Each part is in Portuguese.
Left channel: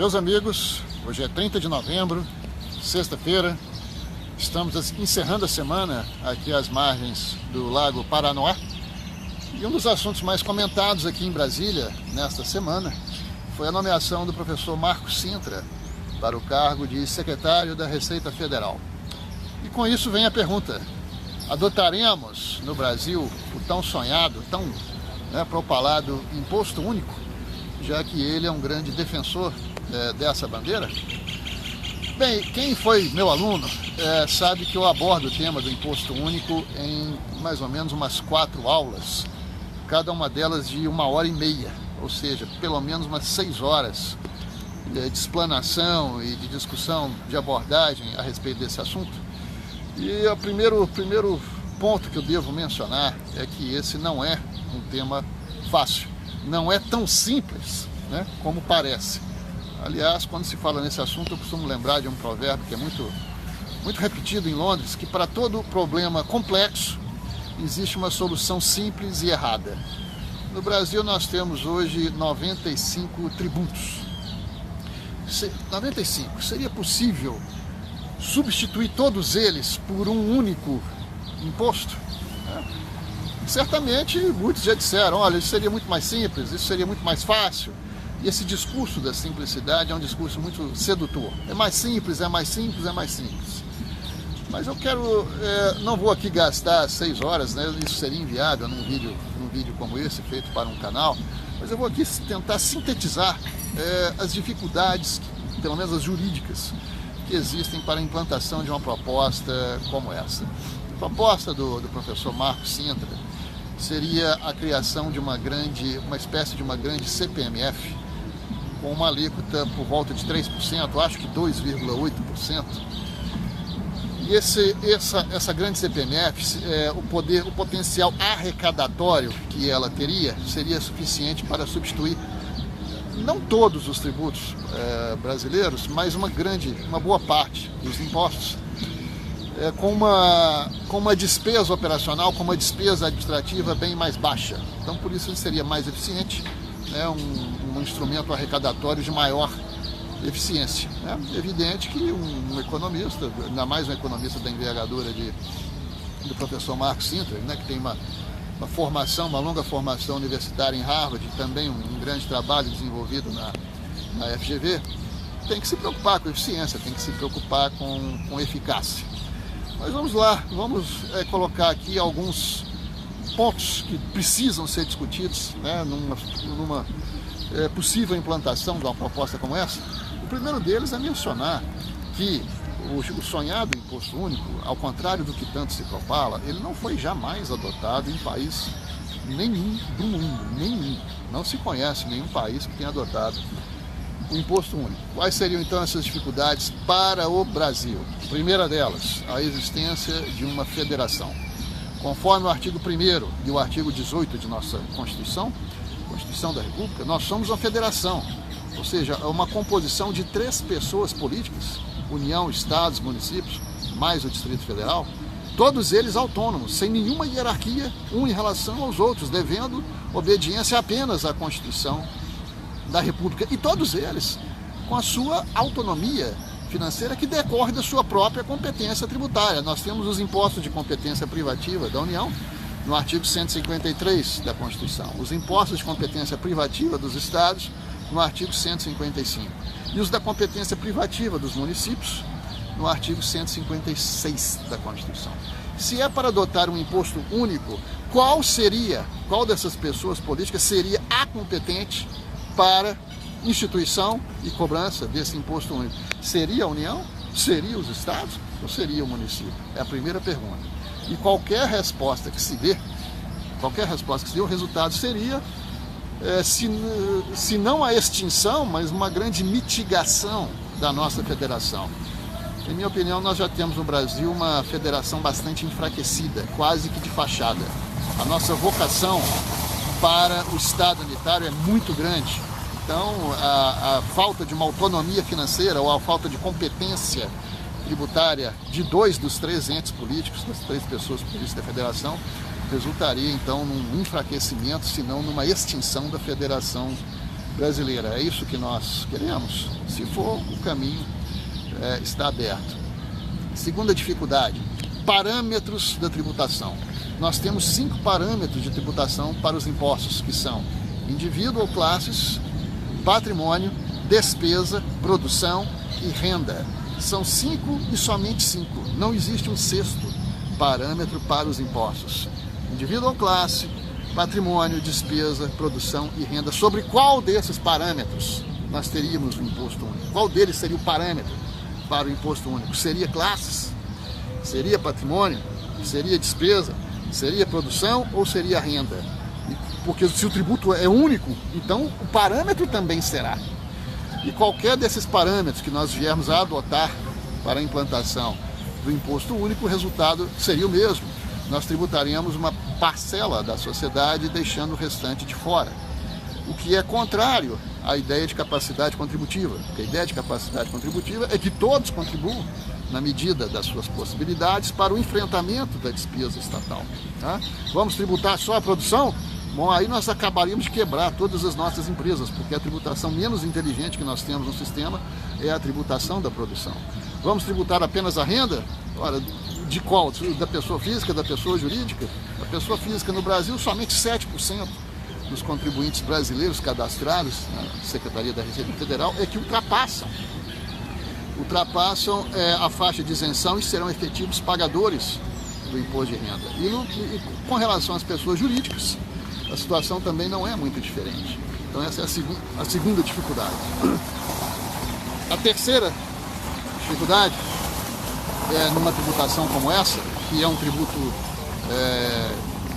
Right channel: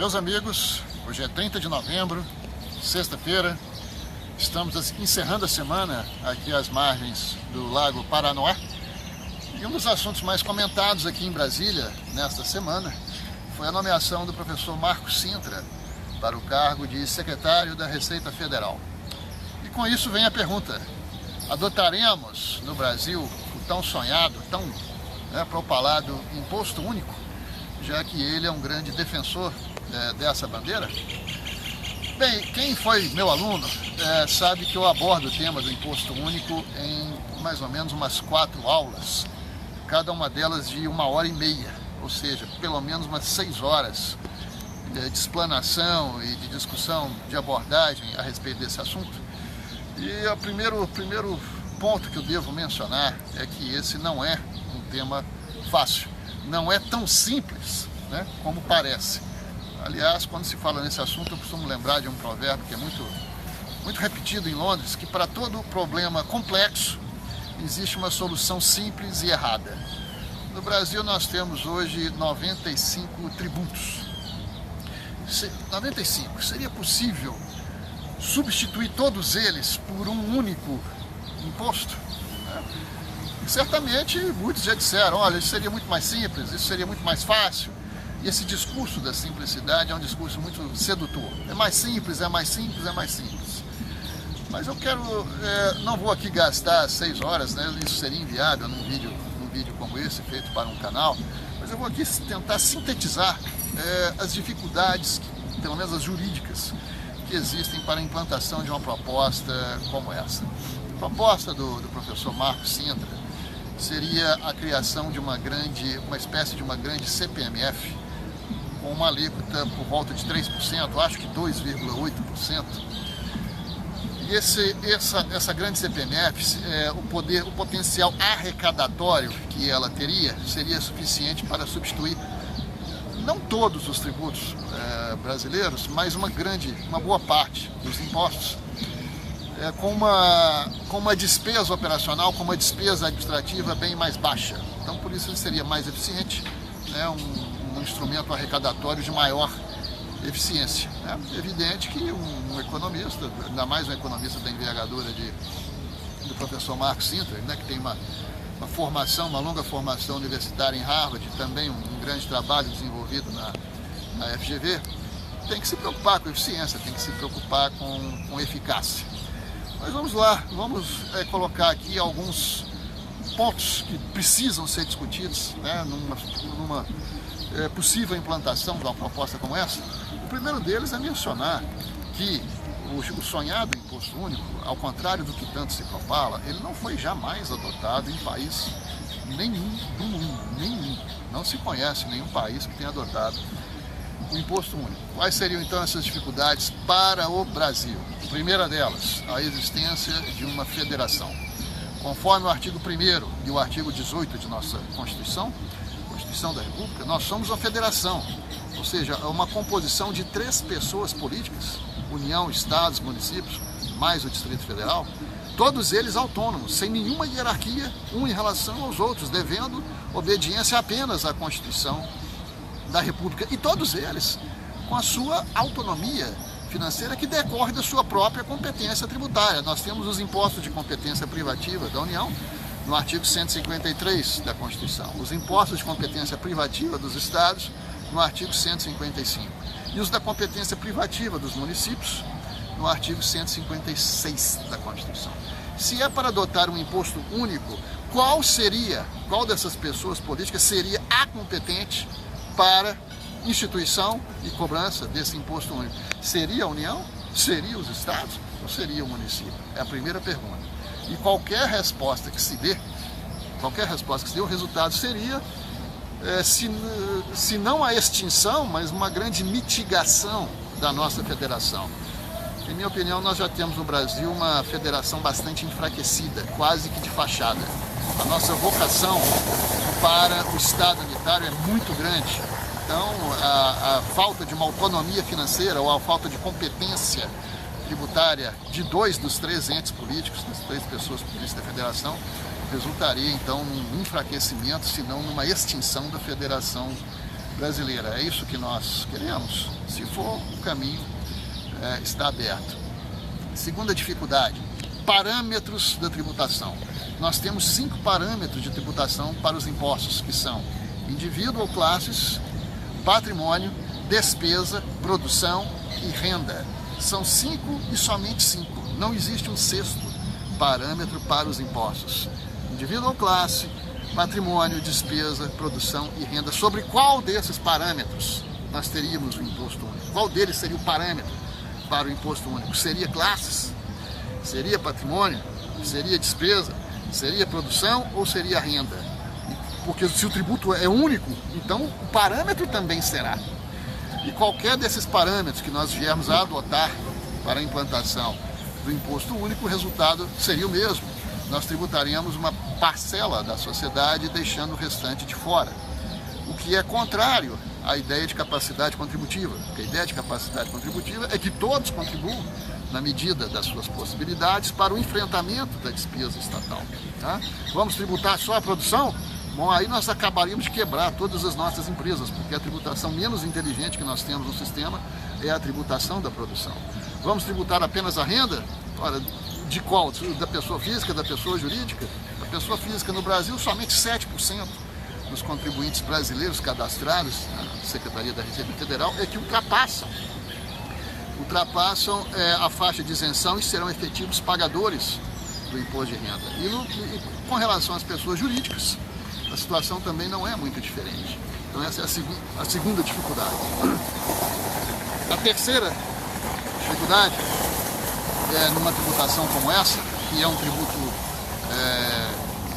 Meus amigos, hoje é 30 de novembro, sexta-feira, estamos encerrando a semana aqui às margens do Lago Paranoá. E um dos assuntos mais comentados aqui em Brasília, nesta semana, foi a nomeação do professor Marcos Cintra para o cargo de secretário da Receita Federal. E com isso vem a pergunta: adotaremos no Brasil o tão sonhado, tão propalado imposto único, já que ele é um grande defensor dessa bandeira? Bem, quem foi meu aluno sabe que eu abordo o tema do imposto único em mais ou menos umas 4 aulas, cada uma delas de 1h30, ou seja, pelo menos umas 6 horas de explanação e de discussão, de abordagem a respeito desse assunto. E o primeiro ponto que eu devo mencionar é que esse não é um tema fácil, não é tão simples, como parece. Aliás, quando se fala nesse assunto, eu costumo lembrar de um provérbio que é muito repetido em Londres, que para todo problema complexo existe uma solução simples e errada. No Brasil nós temos hoje 95 tributos. 95. Seria possível substituir todos eles por um único imposto? Certamente muitos já disseram: olha, isso seria muito mais simples, isso seria muito mais fácil. E esse discurso da simplicidade é um discurso muito sedutor. É mais simples, é mais simples, é mais simples. Mas eu quero, não vou aqui gastar 6 horas, isso seria inviável num vídeo como esse, feito para um canal, mas eu vou aqui tentar sintetizar as dificuldades, pelo menos as jurídicas, que existem para a implantação de uma proposta como essa. A proposta do professor Marcos Cintra seria a criação de uma espécie de uma grande CPMF, com uma alíquota por volta de 3%, acho que 2,8%. E essa grande CPMF, o potencial arrecadatório que ela teria, seria suficiente para substituir não todos os tributos brasileiros, mas uma boa parte dos impostos, com uma despesa operacional, com uma despesa administrativa bem mais baixa. Então, por isso, ele seria mais eficiente, um instrumento arrecadatório de maior eficiência. É evidente que um economista, ainda mais um economista da envergadura do professor Marcos Cintra, que tem uma longa formação universitária em Harvard, também um grande trabalho desenvolvido na FGV, tem que se preocupar com eficiência, tem que se preocupar com eficácia. Mas vamos lá, vamos colocar aqui alguns pontos que precisam ser discutidos numa possível implantação de uma proposta como essa. O primeiro deles é mencionar que o sonhado imposto único, ao contrário do que tanto se propala, ele não foi jamais adotado em país nenhum do mundo, nenhum. Não se conhece nenhum país que tenha adotado o imposto único. Quais seriam então essas dificuldades para o Brasil? Primeira delas, a existência de uma federação. Conforme o artigo 1º e o artigo 18 de nossa Constituição da República, nós somos uma federação, ou seja, é uma composição de 3 pessoas políticas, União, Estados, municípios, mais o Distrito Federal, todos eles autônomos, sem nenhuma hierarquia, em relação aos outros, devendo obediência apenas à Constituição da República, e todos eles com a sua autonomia financeira que decorre da sua própria competência tributária. Nós temos os impostos de competência privativa da União, no artigo 153 da Constituição, os impostos de competência privativa dos estados, no artigo 155, e os da competência privativa dos municípios, no artigo 156 da Constituição. Se é para adotar um imposto único, qual dessas pessoas políticas seria a competente para instituição e cobrança desse imposto único? Seria a União? Seria os estados? Ou seria o município? É a primeira pergunta. E qualquer resposta que se dê, o resultado seria, se não a extinção, mas uma grande mitigação da nossa federação. Em minha opinião, nós já temos no Brasil uma federação bastante enfraquecida, quase que de fachada. A nossa vocação para o Estado unitário é muito grande. Então, a falta de uma autonomia financeira ou a falta de competência tributária de 2 dos 3 entes políticos, das 3 pessoas políticas da federação, resultaria então num enfraquecimento, se não numa extinção da federação brasileira. É isso que nós queremos? Se for, o caminho está aberto. Segunda dificuldade, parâmetros da tributação. Nós temos 5 parâmetros de tributação para os impostos, que são indivíduo ou classes, patrimônio, despesa, produção e renda. São 5 e somente 5. Não existe um 6º parâmetro para os impostos. Indivíduo ou classe, patrimônio, despesa, produção e renda. Sobre qual desses parâmetros nós teríamos o imposto único? Qual deles seria o parâmetro para o imposto único? Seria classes? Seria patrimônio? Seria despesa? Seria produção ou seria renda? Porque se o tributo é único, então o parâmetro também será. E qualquer desses parâmetros que nós viermos a adotar para a implantação do imposto único, o resultado seria o mesmo. Nós tributaríamos uma parcela da sociedade, deixando o restante de fora. O que é contrário à ideia de capacidade contributiva. Porque a ideia de capacidade contributiva é que todos contribuam na medida das suas possibilidades para o enfrentamento da despesa estatal. Tá? Vamos tributar só a produção? Bom, aí nós acabaríamos de quebrar todas as nossas empresas, porque a tributação menos inteligente que nós temos no sistema é a tributação da produção. Vamos tributar apenas a renda? Ora, de qual? Da pessoa física, da pessoa jurídica? A pessoa física no Brasil, somente 7% dos contribuintes brasileiros cadastrados na Secretaria da Receita Federal é que ultrapassam a faixa de isenção e serão efetivos pagadores do imposto de renda. E com relação às pessoas jurídicas, a situação também não é muito diferente. Então essa é a segunda dificuldade. A terceira dificuldade é numa tributação como essa, que é um tributo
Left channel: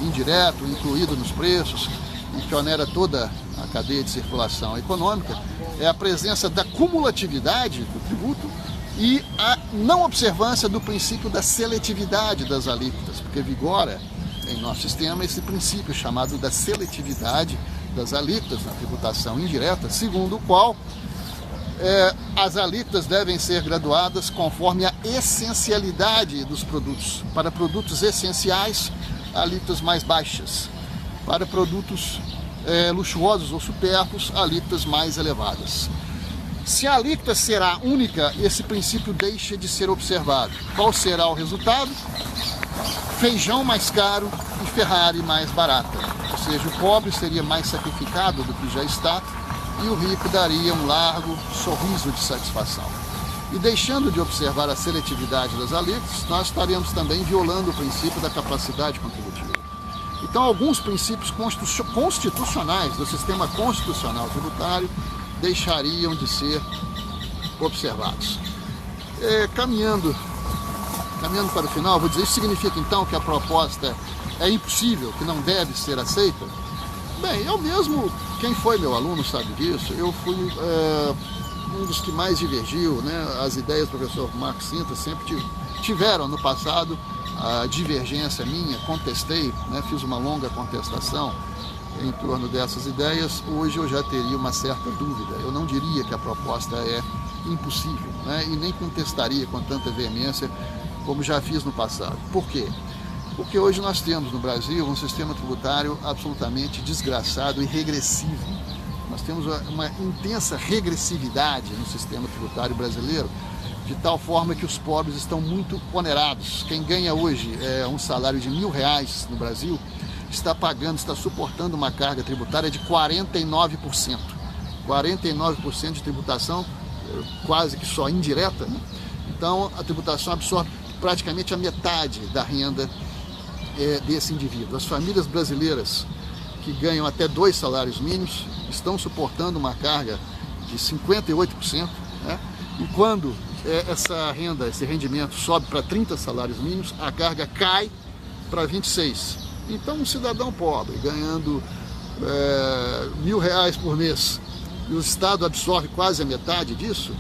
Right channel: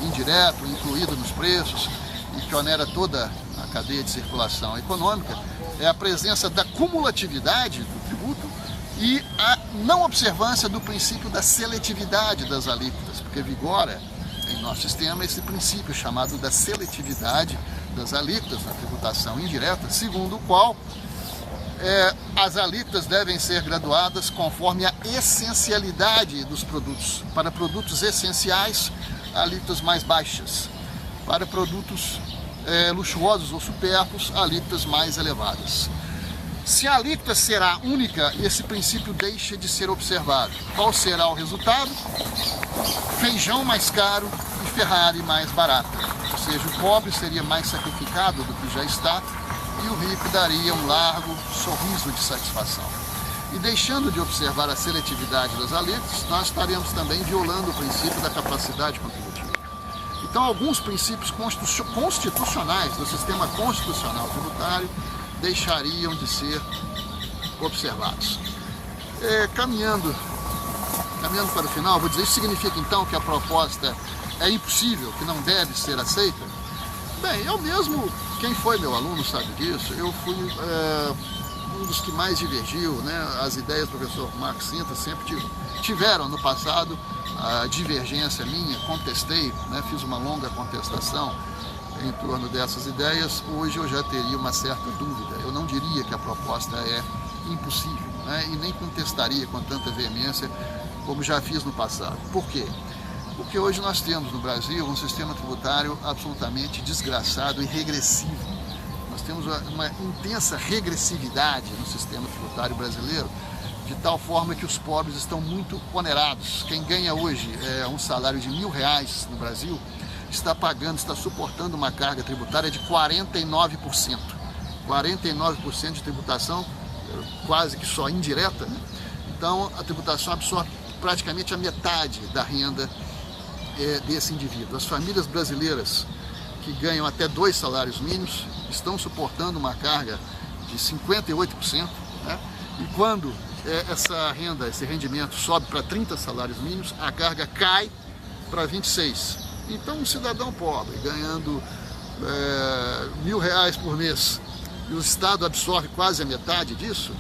indireto, incluído nos preços, e que onera toda a cadeia de circulação econômica, é a presença da cumulatividade do tributo e a não observância do princípio da seletividade das alíquotas, porque vigora em nosso sistema esse princípio chamado da seletividade das alíquotas na tributação indireta, segundo o qual as alíquotas devem ser graduadas conforme a essencialidade dos produtos. Para produtos essenciais, alíquotas mais baixas. Para produtos luxuosos ou supérfluos, alíquotas mais elevadas. Se a alíquota será única, esse princípio deixa de ser observado. Qual será o resultado? Feijão mais caro e Ferrari mais barata. Ou seja, o pobre seria mais sacrificado do que já está e o rico daria um largo sorriso de satisfação. E deixando de observar a seletividade das alíquotas, nós estaremos também violando o princípio da capacidade contributiva. Então, alguns princípios constitucionais do sistema constitucional tributário deixariam de ser observados. Caminhando para o final, vou dizer, isso significa então que a proposta é impossível, que não deve ser aceita? Bem, eu mesmo, quem foi meu aluno sabe disso, eu fui um dos que mais divergiu, né? As ideias do professor Marcos Sintra sempre tiveram no passado a divergência minha, contestei, né? Fiz uma longa contestação em torno dessas ideias. Hoje eu já teria uma certa dúvida, eu não diria que a proposta é impossível, né? E nem contestaria com tanta veemência como já fiz no passado. Por quê? Porque hoje nós temos no Brasil um sistema tributário absolutamente desgraçado e regressivo. Nós temos uma intensa regressividade no sistema tributário brasileiro, de tal forma que os pobres estão muito onerados. Quem ganha hoje um salário de R$1.000 no Brasil está suportando uma carga tributária de 49%. 49% de tributação, quase que só indireta, né? Então a tributação absorve praticamente a metade da renda desse indivíduo. As famílias brasileiras que ganham até 2 salários mínimos estão suportando uma carga de 58%, né? E quando esse rendimento sobe para 30 salários mínimos, a carga cai para 26. Então um cidadão pobre ganhando R$1.000 por mês e o Estado absorve quase a metade disso,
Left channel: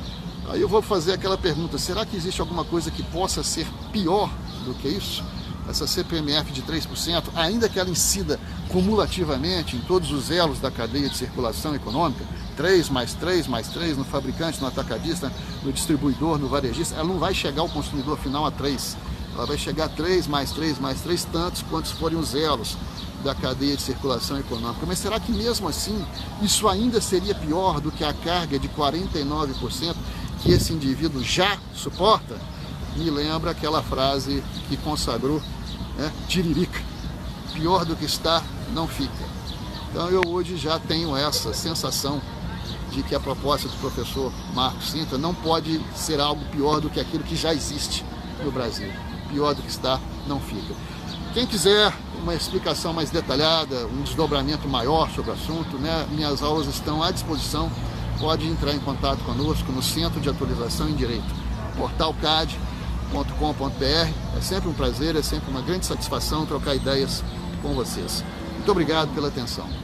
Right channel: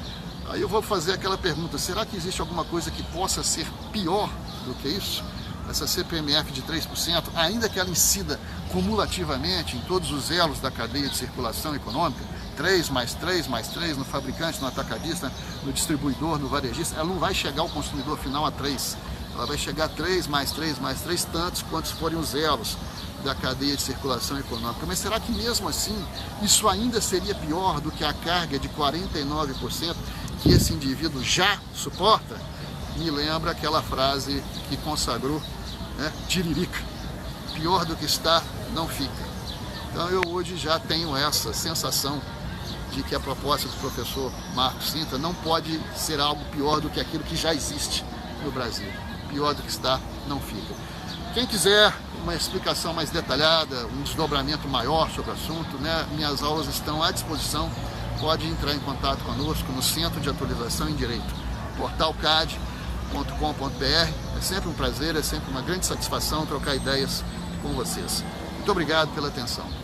aí eu vou fazer aquela pergunta, será que existe alguma coisa que possa ser pior do que isso? Essa CPMF de 3%, ainda que ela incida cumulativamente em todos os elos da cadeia de circulação econômica, 3 mais 3 mais 3 no fabricante, no atacadista, no distribuidor, no varejista, ela não vai chegar ao consumidor final a 3. Ela vai chegar a 3 mais 3 mais 3, tantos quantos forem os elos da cadeia de circulação econômica. Mas será que mesmo assim isso ainda seria pior do que a carga de 49% que esse indivíduo já suporta? Me lembra aquela frase que consagrou, né, Tiririca: pior do que está, não fica. Então eu hoje já tenho essa sensação de que a proposta do professor Marcos Cintra não pode ser algo pior do que aquilo que já existe no Brasil. Pior do que está, não fica. Quem quiser uma explicação mais detalhada, um desdobramento maior sobre o assunto, né, minhas aulas estão à disposição. Pode entrar em contato conosco no Centro de Atualização em Direito, portalcad.com.br. É sempre um prazer, é sempre uma grande satisfação trocar ideias com vocês. Muito obrigado pela atenção.